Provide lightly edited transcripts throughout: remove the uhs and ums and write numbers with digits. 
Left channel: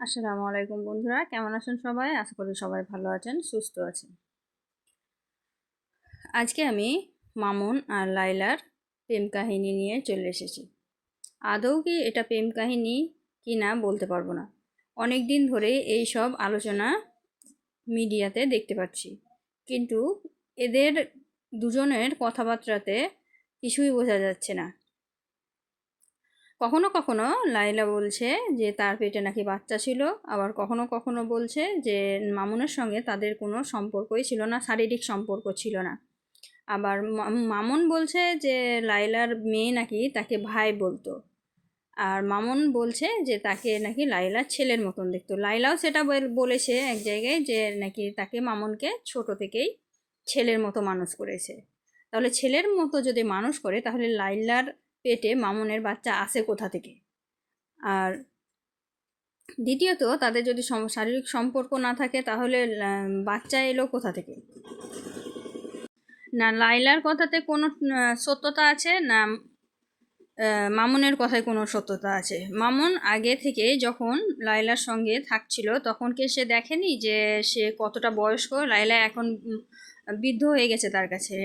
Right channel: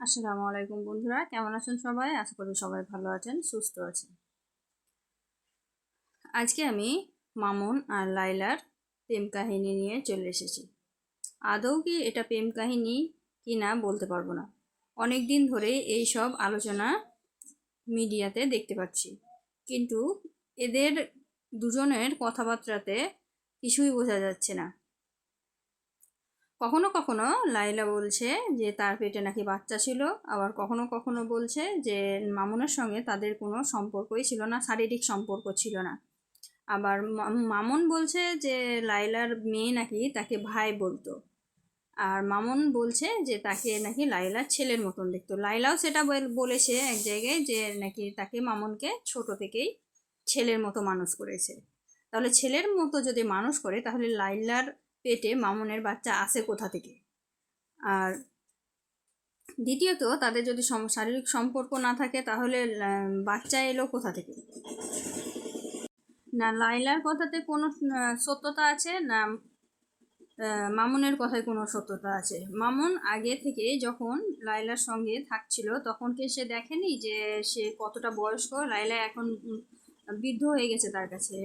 আসসালামু আলাইকুম বন্ধুরা, কেমন আছেন সবাই? আশা করি সবাই ভালো আছেন, সুস্থ আছেন। আজকে আমি মামুন আর লাইলার প্রেম কাহিনী নিয়ে চলে এসেছি। আদৌ কি এটা প্রেম কাহিনী কি না বলতে পারবো না। অনেক দিন ধরে এই সব আলোচনা মিডিয়াতে দেখতে পাচ্ছি, কিন্তু এদের দুজনের কথাবার্তাতে কিছুই বোঝা যাচ্ছে না। কখনো কখনো লাইলা বলছে যে তার পেটে নাকি বাচ্চা ছিল, আবার কখনো কখনো বলছে যে মামুনের সঙ্গে তাদের কোনো সম্পর্কই ছিল না, শারীরিক সম্পর্ক ছিল না। আবার মামুন বলছে যে লাইলার মেয়ে নাকি তাকে ভাই বলতো, আর মামুন বলছে যে তাকে নাকি লাইলার ছেলের মতন দেখতো। লাইলাও সেটা বলেছে এক জায়গায় যে নাকি তাকে মামুনকে ছোট থেকেই ছেলের মতো মানুষ করেছে। তাহলে ছেলের মতো যদি মানুষ করে, তাহলে লাইলার পেটে মামুনের বাচ্চা আসে কোথা থেকে? আর দ্বিতীয়ত, তাদের যদি শারীরিক সম্পর্ক না থাকে, তাহলে বাচ্চা এলো কোথা থেকে? না লাইলার কথাতে কোনো সত্যতা আছে, না মামুনের কথায় কোনো সত্যতা আছে। মামুন আগে থেকে যখন লাইলার সঙ্গে থাকছিল, তখন কি সে দেখেনি যে সে কতটা বয়স্ক? লাইলা এখন বৃদ্ধ হয়ে গেছে তার কাছে।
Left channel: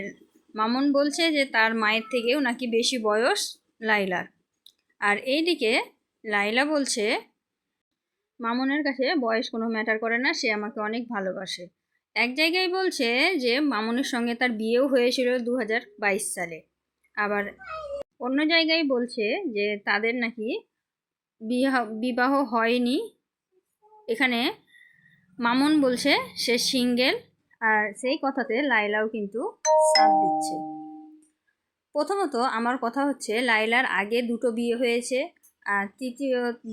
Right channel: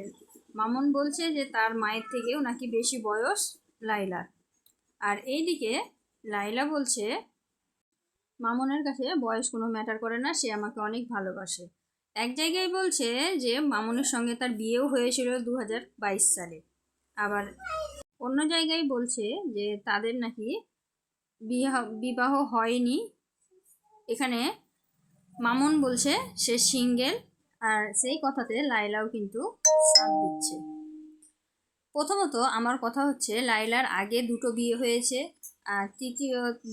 মামুন বলছে যে তার মায়ের থেকেও নাকি বেশি বয়স লাইলার। আর এইদিকে লাইলা বলছে মামুনের কাছে বয়স কোনো ম্যাটার করে না, সে আমাকে অনেক ভালোবাসে। এক জায়গায় বলছে যে মামুনের সঙ্গে তার বিয়েও হয়েছিল 2022 সালে। আবার অন্য জায়গায় বলছে যে তাদের নাকি বিবাহ হয়নি। এখানে মামুন বলছে সে সিঙ্গেল, আর সেই কথাতে লাইলাও কিন্তু সাথ দিচ্ছে। প্রথমত আমার কথা হচ্ছে, লাইলার আগে দুটো বিয়ে হয়েছে। আর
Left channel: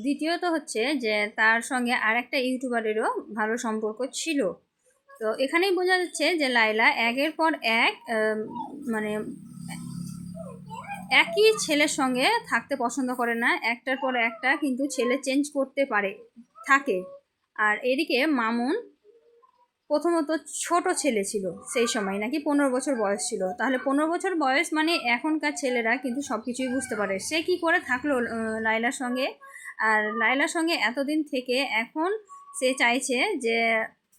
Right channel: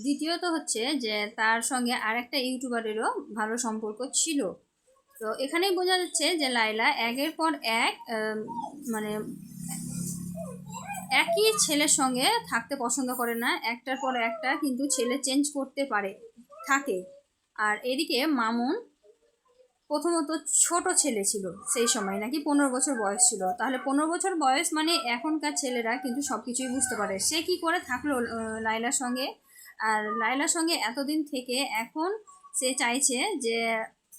দ্বিতীয়ত হচ্ছে যে তার সঙ্গে আর একটা ইউটিউবারেরও ভালো সম্পর্ক ছিল। তো এখানেই বোঝা যাচ্ছে যে লাইলা একের পর এক মানে একই ছেলের সঙ্গে থাকতে পছন্দ করে না, একটার পর একটা কিন্তু ছেলে চেঞ্জ করতে পারে থাকে। আর এদিকে মামুন প্রথমত ছোট ছেলে ছিল, সেই সময় নাকি 15 বছর বয়স ছিল। তাহলে 15 বছর বয়স মানে এখনকার ছেলেরা কিন্তু সব কিছুই বুঝতে পারে। সে কি করে থাকলো লাইলার সঙ্গে? আর লাইলার সঙ্গে এতদিন থেকে এখন সে চাইছে যে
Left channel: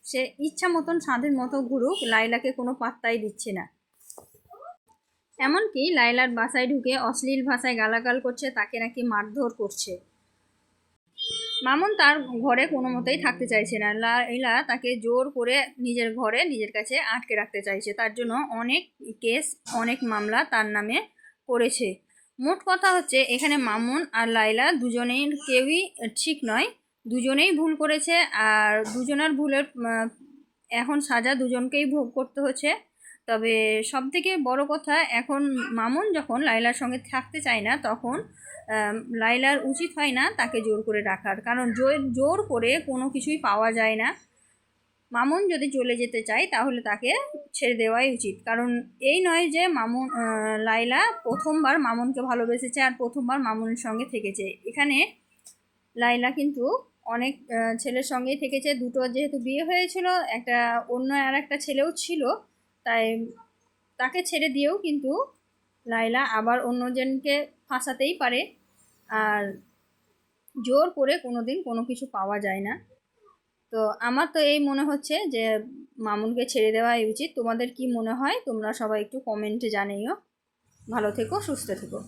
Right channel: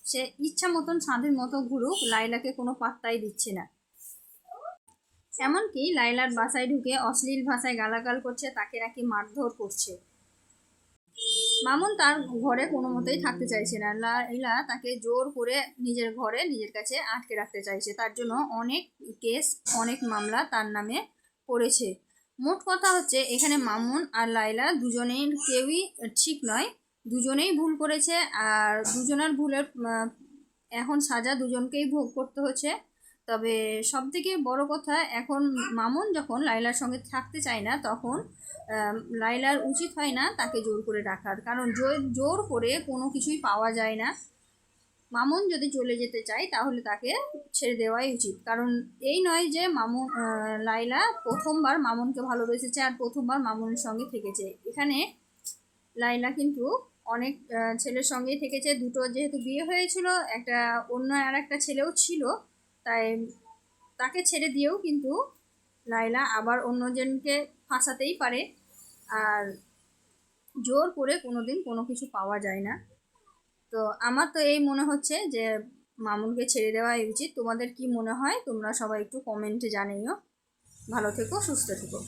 সে ইচ্ছা মতন স্বাধীন মতো ঘুরুক, লাইলাকে কোনো পাত্তাই দিচ্ছে না। এমনকি লাইলার বাসায় ঢুকে অশ্লীল ভাষায় গালাগাল করছে, তাকে নাকি মারধর করছে। মামুন তার ঘরে কোনো মতেই থাকতে চাইছে না। লাইলা তাকে জোর করে নিজের ঘরে নিজের কাছে আটকে রাখতে চাইছে। তার জন্য অনেক কেস, অনেক মামলা তার নামে করেছে। মোট কথা হচ্ছে, এখানে মামুন আর লাইলা দুজনেই কেউই ঠিক নয়, দুজনেই ভুল করেছে। আর দুজনের ভুলের এখন সাজা দুজনকেই ভোগ করতে হচ্ছে। তবে সব থেকে বড় কথা, এখন মামুন যখন লাইলার সঙ্গে থাকতে চায় না, তখন লাইলার উচিত হয় না তাকে জোর করে রাখার, কারণ জোর করে কোনো কিছুই পাওয়া যায় না। মামুন যদি চলে যেতে চায় তাহলে তাকে ছেড়ে দেওয়াই উচিত। কারণ এই নয় যে লাইলা প্রথমবার মামুনকে ভালোবেসেছে আর প্রথমবার মামুনের সঙ্গে থেকেছে। এখানে লাইলা কিন্তু অনেক ছেলের সঙ্গেই থেকেছে। দুটো যেহেতু বিয়ে হয়েছিল, একটা অন্য আর একটা ছেলেও ছিল, তাই তাকে ছেড়ে দিয়েও কিন্তু লাইলা আবার অন্যজনকে ফাঁসাতেই পারে। আর জোর করে কোনোদিন কোনো কিছু পাওয়া যায় না। তো আমার তো এই মনে হচ্ছে যে মামুনকে ছেড়ে দেওয়াই উচিত। তোমাদের কি মনে হয়? তোমরা সবাই একটু কমেন্টে জানিও। ভালো থেকো, সুস্থ থেকো।